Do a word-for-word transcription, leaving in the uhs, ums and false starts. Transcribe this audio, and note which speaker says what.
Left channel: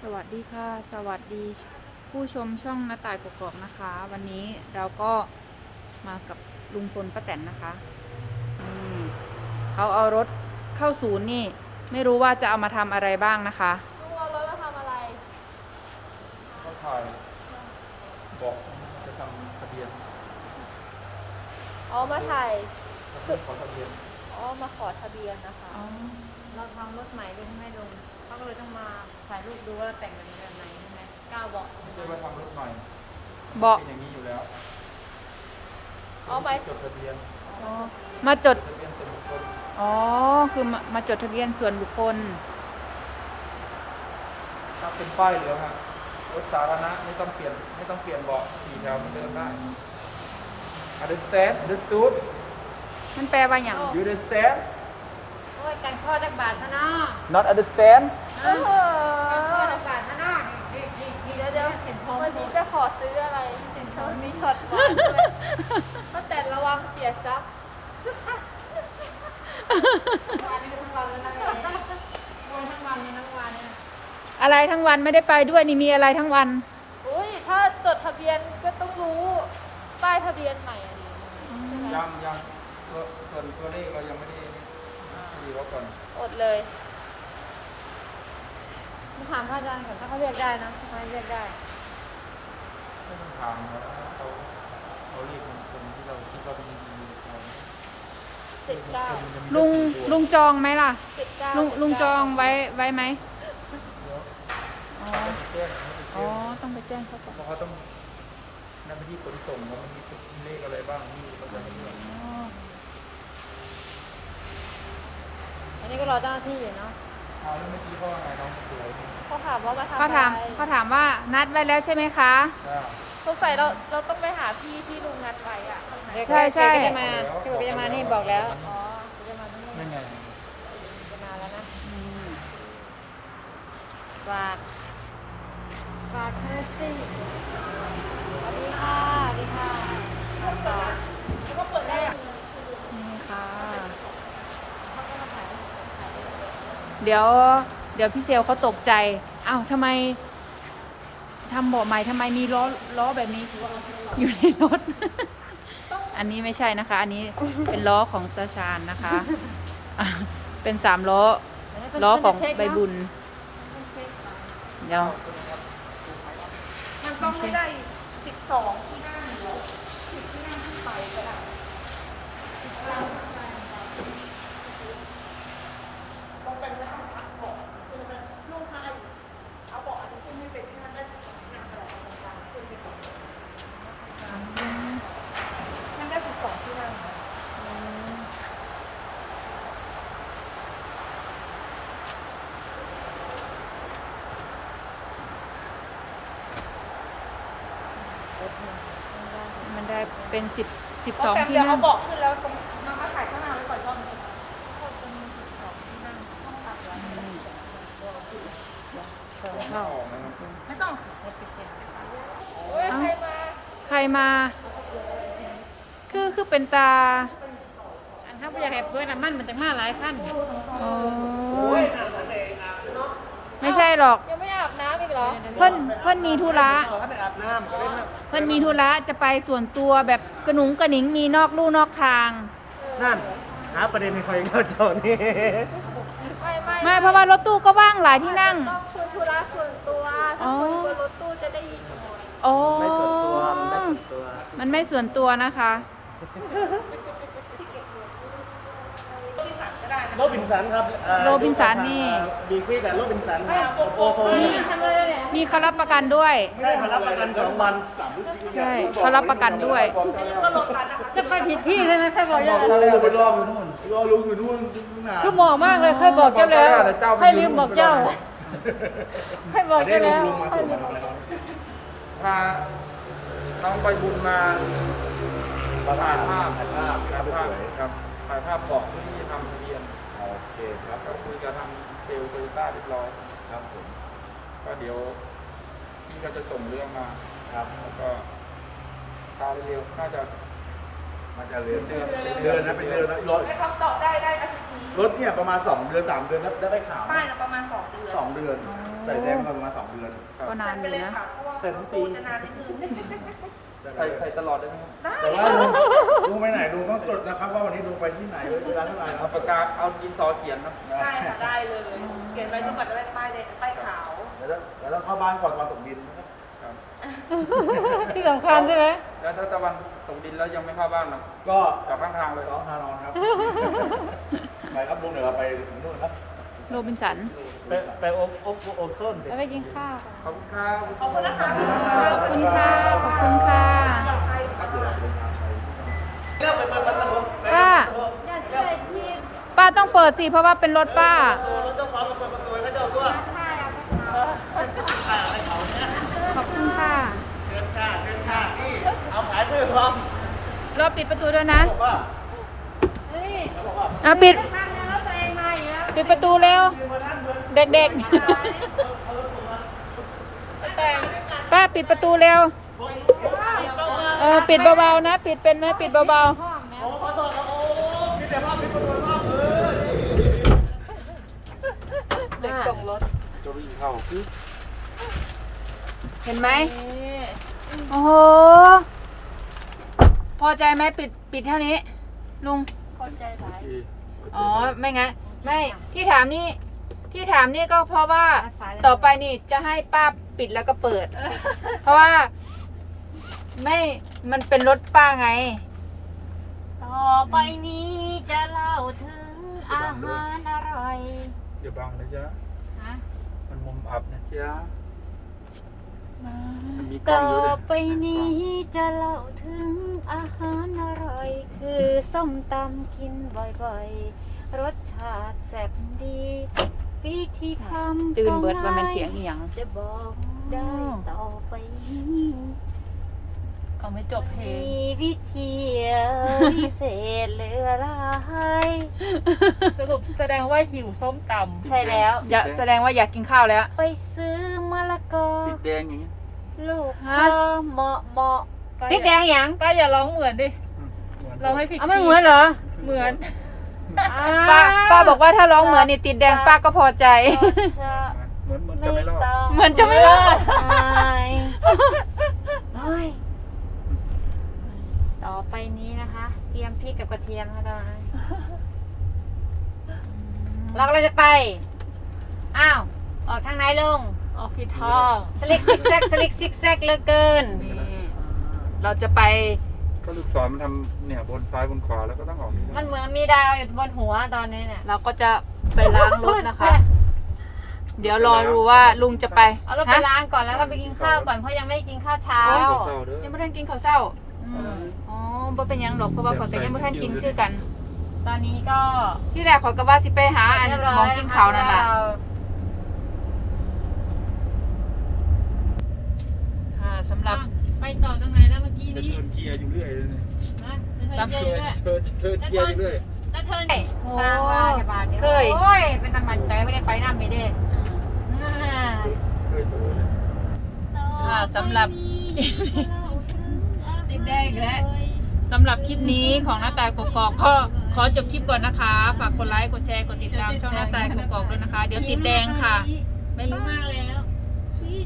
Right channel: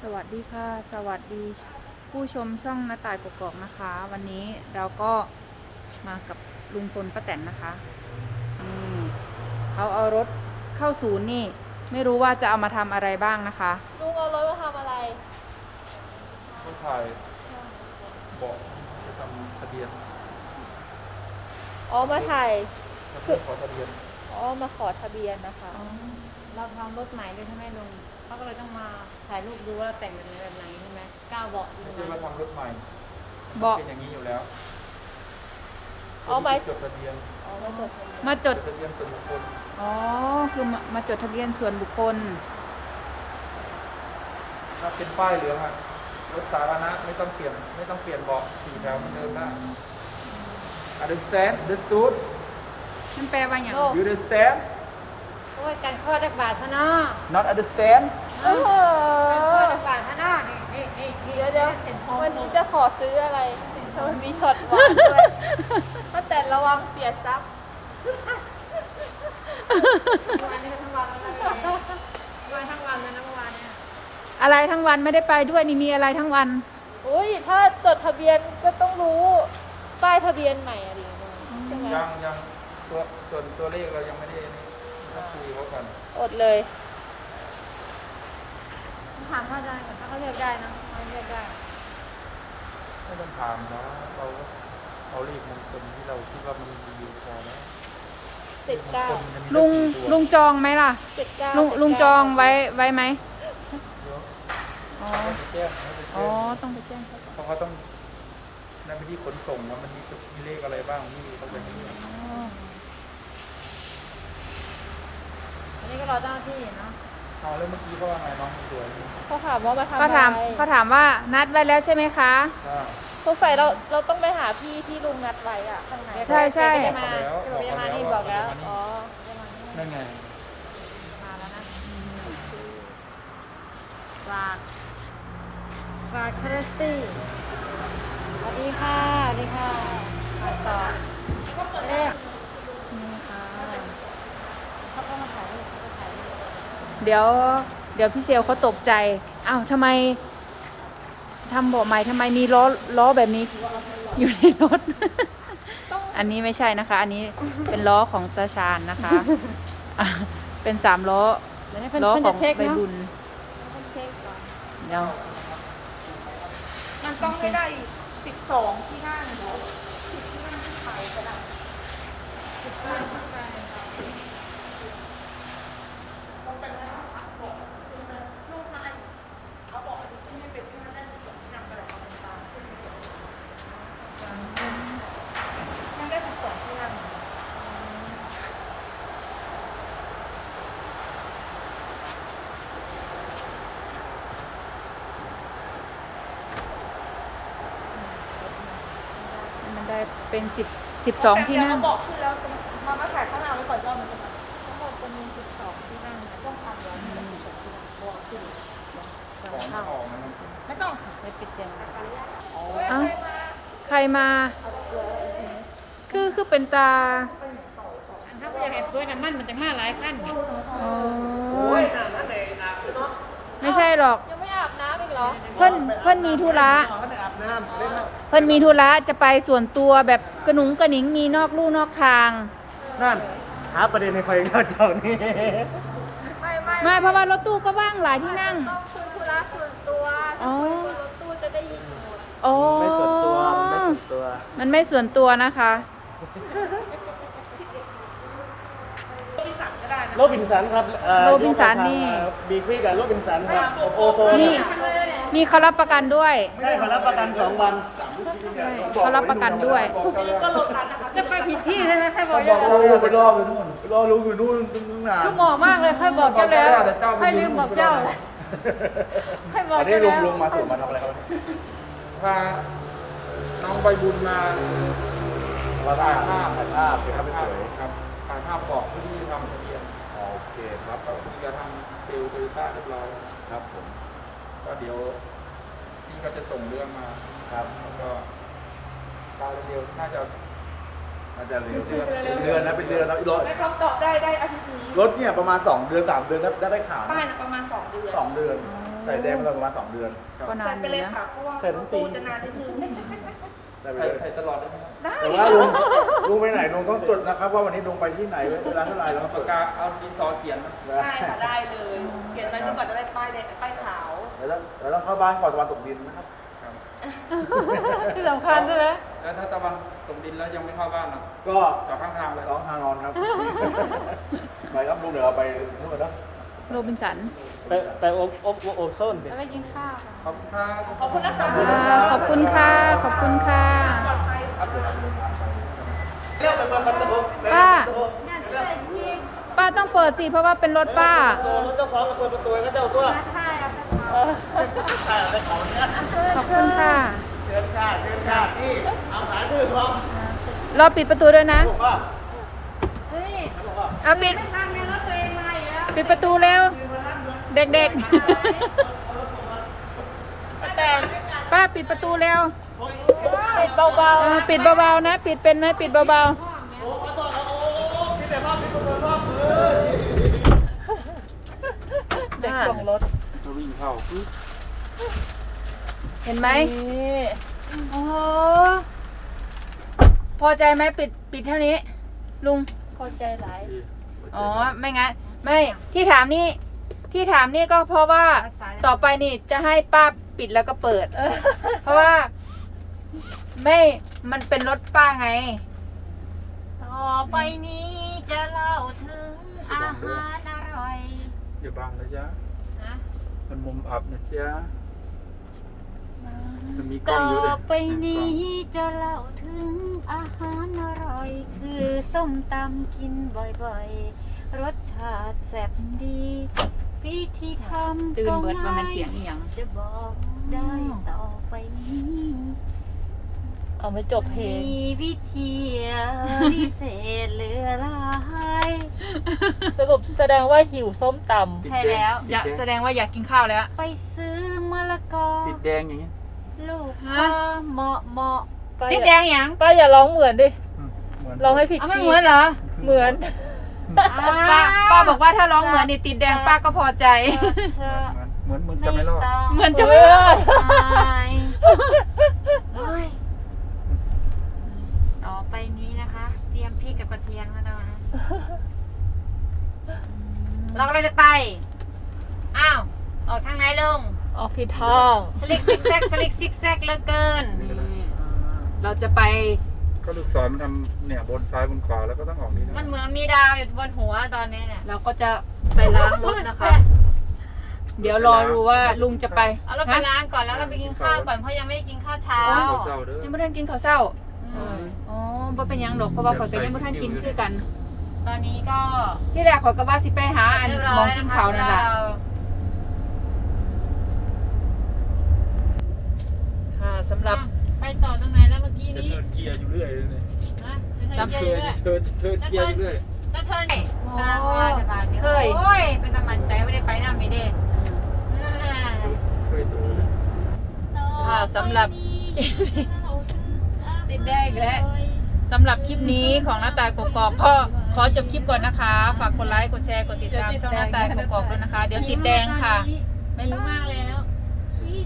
Speaker 1: วัสดีค่ะ สวัสดีผู้ชมช่องน้าต่ายกกอกนะคะ วันนี้เราก็มากับลุงพลป้าแตนนะคะนี่เขาเอารถเข้าศูนย์นี่ไม่รู้ว่าจะเอามาทำอะไรบ้างนะคะ
Speaker 2: ลุงเอารถมาทำอะไร
Speaker 3: เขาถ่ายบอกจะทำทะเบียน
Speaker 2: อ๋อมาถ่าย
Speaker 3: ทะเบียนขอทะเบียน
Speaker 2: อ๋อมาขอทะเบียนนะคะ
Speaker 1: อ๋อ
Speaker 2: เราทำรถไหนกันใช่ไหมลุงต้องเลยต้องมาถ่ายรูปดูว่าแต่งกันแบบไหนใช่ไหมก้าวบอก
Speaker 3: ไม่ใช่ว่าทำรถใหม่
Speaker 1: บอก
Speaker 3: เป็นอย่างนี้อยู่แล้ว
Speaker 2: เอาไป
Speaker 3: จดทะเบียน
Speaker 1: มาจด
Speaker 3: ทะเบียนส่วนบุคคล
Speaker 1: อ๋อคือมามาจดทะเบียนส่วนบุคคล
Speaker 3: ถ้าเป็นป้ายเหลืองอะรถสาธารณะไม่ต้องเปลี่ยนไม่ต้องเปลี่ยนเบาะสี่แถวเหมือนเดิมได้ understand understood
Speaker 1: มันแปลว่าอย่าง
Speaker 3: you understand
Speaker 2: โอ้ยการข้อดักบาทซะเนาะ
Speaker 3: not understand
Speaker 2: การข้อดักบาทซะเนาะนี่นี่นี่เดี๋ยวเดี๋ยวเห็นทองวันนี้จะขอซื้ออะไรเห็นทองมีช็อตก็แต่ระวังเสียทรัพย์วันนี้ก็ทั้งวันแล้วนะวันทั้งวันแล้วนะเมื่อวานเนี่ย
Speaker 1: อะไรทั้งวันไม่ได้ไปด้วยนี่มีอะไรทั้งวัน
Speaker 2: อุ้ยถ้าจดทะเบียนก็ต้องรู้ป้ายทะเบียนใหม่อะไรอย่างเงี้ย
Speaker 3: ยังยังตัวส่วนตัวเลขเรายังไม่ได้นี่ต้องคุยเขาก่อน
Speaker 2: อดเลยถามเขาได้ก่อนถ้าเขาเลือกได้นะเขาเลือกได้
Speaker 3: ไม่ต้องถามเนาะเขาเขาเรียกมงคลที่เราคิดว่ามันดีพอไหมเลขมงคลมันจะมี
Speaker 1: ลุงลุงจองไหมล่ะลุงลุงจองไว้ไว้ไหมอ๋อ
Speaker 3: แจ้งให้ไปแจ้ง
Speaker 1: อ๋อต้องไปแจ้งเขาก่อน
Speaker 3: เพราะเขาต้องนั่นเป็นที่ขนส่งว่ามันมีมีเลขอะไรบ้างที่เขาจะให้เลือก
Speaker 2: อันนี้ก็รอเจ้าหน้าที่นะ
Speaker 3: เอาแล้วเมื่อกี้เขาว่าไงน้องสวย
Speaker 2: เขาถามว่ามาทำ
Speaker 1: เขาถามเขาถามว่านัดไว้แล้วใช่ไหมคะ
Speaker 2: สงสัยเราเราต้องไปหาที่ที่ลุงนัดไว้อ่ะ
Speaker 1: ใช่ใช่
Speaker 3: บอกเขาแล้วบอกเขาแล้วว่าเขาจะมานี่นั่นไง
Speaker 2: ฝากฝากคาราตี้นี่ค่ะนี่ค่ะ
Speaker 1: นี่ค่ะเดี๋ยวเดี๋ยวพี่เซลเขาตกใจอ้าวทำไมทำเบาะใหม่ทำไมมีล้อล้อแบบนี้อยู่ในรถ อันนี้ไม่ใช่นะคะ อันนี้เป็นล้อของตาชาญนะคะเป็นสามล้อล้อของใบบุญเดี๋ยว
Speaker 2: มันต้องไม่ได้สิบสองที่ได้หรอสิบที่ได้ไม่ไปสิบที่ได้ไม่ไปลูกมันเอาบอกที่คุณติดที่มันได้สิบสองที่ยังไปเอาตรงกลางขึ้นไปก่อนกลางยังได้สิบสองที่ได้
Speaker 1: มันได้เป็นสิบสิบสองที่นั่ง
Speaker 2: บอกชื่อแล้วตรงมามาถ่ายข้างหน้าไว้ก่อนจ้องเป็นสิบสองที่นั่งต้องถ่าย
Speaker 3: ของไม่ออกนะครับ
Speaker 2: ไม่ต้องไม่ปิดเลย
Speaker 1: เอ้าใครมาคือคือเป็นตา
Speaker 2: ถ้าอยากให้เพื่อนนั่นมันจะห้าหลายขั้น
Speaker 1: อ๋อไม่ใช่หรอก
Speaker 2: ยังไม่อาบน้ำอีกเหรอ
Speaker 1: เพิ่นเพิ่นมีธุระเพิ่นมีธุระจะไปส่วนตัวแบบกระหนุงกระหนิงมีนอกลู่นอกทาง
Speaker 3: นั่นหาประเด็นในคอยเราเจ้านี่
Speaker 1: ไม่เพราะว่ารถตู้ก็ว่างหลายที่นั่ง
Speaker 2: คือธุระส่วนตัว
Speaker 1: อ๋อ
Speaker 2: รถตู้จะได้ยินหมด
Speaker 1: อ๋อมันไม่ส่วนตัวนะคะ
Speaker 3: โรบินสันครับ
Speaker 1: โรบินสันนี่
Speaker 3: บีกวีกับโรบินสันครับ
Speaker 1: มีมีเขารับประกันด้วย
Speaker 3: ใช่เขารับประกันสองวัน
Speaker 1: ใช่เขารับประกันด้วย
Speaker 2: จะไปผิดที่ใช่ไหมแค่บอก
Speaker 3: บอกเราแล้วไปรอไปนู่นรอลุงอยู่นู่นนาน
Speaker 2: คือหมอมากเลยเคยบอกกันแล้วไม่ลืมบอกเจ้าให้บอก
Speaker 3: นี่ลุงลุงมาถูกมาทำอะไรครับพาน้องใบบุญมาถ่ายภาพถ่ายภาพครับถ่ายภาพบอกเพื่อที่จะทำทะเบียนโอเคครับก็คุณจะทำเซลล์โตโยต้าเรียบร้อยครับผมก็เดี๋ยวพี่ก็จะส่งเรื่องมาครับแล้วก็ตาเร็วๆน่าจะ
Speaker 4: น่าจะเลย
Speaker 3: เดือน
Speaker 4: เป็นเดือนนะเป็นเดือนแล้วรถ
Speaker 2: ให้คำตอบได้ได้อาทิตย์นี้
Speaker 4: รถเนี่ยประมาณสองเดือนสามเดือนได้ได้ได้ข่าว
Speaker 2: ไม่
Speaker 4: นะ
Speaker 2: นะประมาณสองเดือน
Speaker 4: สองเดือน
Speaker 1: อ๋อ
Speaker 4: ใส่แดงมาประมาณสองเดือน
Speaker 1: ก็นานอยู่นะ
Speaker 4: ใส่ทั้งปี
Speaker 2: จะนานนิดนึง
Speaker 4: ได้ไป
Speaker 3: ใส่
Speaker 4: เลย
Speaker 3: ใส่ตลอดได้ไหมครับ
Speaker 4: แต่ว่าลุงลุงไปไหนลุงต้องจดนะครับว่าวันนี้ลุงไปที่ไหนเวลาเท่าไหร่แล้ว
Speaker 3: เอาปากกาเอาดินสอเขียนนะ
Speaker 2: ได้ค่ะได้เลย เขียนไว้ทุกวันได้ป้ายแดงป้ายขาว
Speaker 4: แล้วเราต้องเข้าบ้านก่อนวันตกดินนะครับ
Speaker 3: ครับ
Speaker 2: ที่สำคัญใช่ไหม
Speaker 3: แล้วถ้าตะวันตกดินแล้วยังไม่เข้าบ้านนะ
Speaker 4: ก็
Speaker 3: กลับข้างทางเลย
Speaker 4: ร้องทานอนครับ ไปครับลุงเดี๋ยวเราไปนู่นนะ
Speaker 1: โรบินสัน
Speaker 5: ไปไปอบอบอบส้นดิ
Speaker 2: แล้วไม่กินข้าว
Speaker 3: ขอบคุณครับ
Speaker 2: ขอบคุณนะคะ
Speaker 1: อ่าขอบคุณค่ะ ขอบคุณค่ะ
Speaker 4: ครับเดี๋ยวเราไป
Speaker 5: เรื่องมันมันมันมัน
Speaker 1: ป้า ป้าต้องเปิดสิ เพราะว่าเป็นรถป้า
Speaker 5: ตัวรถก็พร้อมกับคนประตูก็เจ้าก็
Speaker 1: ขอบคุณค่ะ
Speaker 5: เชิญค่ะเชิญค่ะนี่เอาขายพืชพร้อม
Speaker 1: รอปิดประตูด้วยนะ อ่ะปิด ปิดประตูเร็ว เด็กๆ ป้าปิดประตูเร็ว เออปิดเบาๆนะ ปิดเป็นไหมปิดเบาๆอ่า
Speaker 3: จะวิ่งเข้า
Speaker 1: เห็นไหม โอ้โห พอใจไหมปิดปิดเท่านี้ ลุง
Speaker 2: พอใจหลาย
Speaker 1: อ๋อ ไม่งั้น ไม่ที่ถามนี่ที่ถามนี่ก็เพราะว่าต่อไปนี่จะให้ป้าปิดแล้วก็เปิด เพราะว่า ไม่ มันเป็นรถป้าไง
Speaker 2: ต่อไปนี้จะเล่าถึงอาหารอร่อย
Speaker 3: อย่าบังเลยจ้ะ
Speaker 2: นะ
Speaker 3: มันมุมอับนะจ๊ะมันมีกล้อง
Speaker 2: ต่อ
Speaker 3: อยู่เลย
Speaker 2: ไปนี้จะเล่าถึงอาหารอร่อย คือส้มตำกินบ่อยๆ รสชาติแซ่บดี วิธีทำ
Speaker 1: ตื่นเบิด
Speaker 2: ก็
Speaker 1: ว่ามัน
Speaker 2: ง่าย
Speaker 1: เสียงอีหยัง
Speaker 2: จะบอกได้ต่อไปนี้
Speaker 5: เอาไม่จบเพลง
Speaker 2: มีวิธีพิเศษเหลือหลาย
Speaker 5: สรุปแสดงว่าหิวส้มต
Speaker 1: ใช่แล้ว อยากแสดงว่าอยากกินข้าวแล้ว
Speaker 2: ไปซื้อมะละกอ
Speaker 3: ติดแดงอย่างนี้
Speaker 2: ลูก
Speaker 1: ฮะ
Speaker 2: พอเหมาะเหมาะ
Speaker 5: ำ
Speaker 1: ติดแดงหยัง
Speaker 5: ป้าอย่าร้องเหมือนดิ
Speaker 3: อืมเหมือน
Speaker 5: ร้องให้ผิด
Speaker 1: อ้าวมัน
Speaker 5: คีย์
Speaker 1: เหมือนเหรอ
Speaker 5: เหมือน
Speaker 1: ป้าป้าบอกว่าถ้าร้องเหมือนนี่ติดแดงป้าก็พอใจ
Speaker 2: ชะ
Speaker 3: เหมือนเหมือนจะไม่รอด
Speaker 2: ต้อง
Speaker 1: เหมือนจะไม่รอด
Speaker 2: อายเฮ้ยต่อไปนี้นะคะ เตรียมพริกกับกระเทียมค่ะเรานะ เราก็จะไป อ้าว ออกทางไหนลุง
Speaker 5: ออกผิดทาง
Speaker 2: สลิกซิกแซกสลิกซิกแซกเหลือเกิน
Speaker 1: เราจะไป
Speaker 3: ก็ลูกศรมันทำเนี่ยบนซ้ายบนขวาแล้วก็ต้องออกนี่
Speaker 2: มัน
Speaker 3: นะ
Speaker 2: เหมือนมีดาวอยู่บนหัวตอนนี้เนี่ย
Speaker 1: เราก็จะไปล้างรถนะคะ เดี๋ยวรอดูว่าลุงจะไป
Speaker 2: เอารถไปล้างก่อนแล้วก็ไปกินข้าวก่อนเพราะยังไม่ได้กินข้าวเช้า
Speaker 3: โอ้ยเศร้าเด้อ
Speaker 1: ยังไม่ทันกินข้าวเช้า
Speaker 2: อืม
Speaker 1: อ๋อบ่เป็นหยังดอกเพราะว่าเขาก็ยังไม่ทันกินคือกัน
Speaker 2: ตอนนี้ก็
Speaker 1: ที่แรกเขาก็ว่าสิไปหาอัน
Speaker 2: เรียบร้ย
Speaker 1: หมองกินข้าวนั่นแหละ
Speaker 2: เรา
Speaker 1: ค่ะสำหรับ
Speaker 2: ไปต่อตรงไหนแล้วเมื่อกี้
Speaker 3: จะ
Speaker 2: นี้
Speaker 3: เทิร์นเกียร์อยู่เรื่อยเลยเนี่ย
Speaker 2: นะไม่เคยเจอด้วย
Speaker 3: เทิร์นเทิร์นเกียร์อยู่เรื่อย
Speaker 2: แล้วเธอไหน
Speaker 1: โอ้
Speaker 2: สร้างบ้านบ้านเดียว
Speaker 1: เคย
Speaker 2: โอ้ย เป็นตำมันใจไม่ได้ไปน้ำไม่ได้
Speaker 1: อ่า
Speaker 2: อืม
Speaker 3: เคยดู
Speaker 1: ค่ะสำหรับ
Speaker 2: ติดแดงแล้ว
Speaker 1: สำหรับคลิปนี้ของหน้าตายกกอกก็ขอจบคลิปก่อนนะคะ ฝากกดไลค์ กดแชร์ กดติดตามช่องหน้าตายกกอกด้วยนะคะ เดี๋ยวติดแดงค่ะ
Speaker 2: ไม่รู้มากแล้ว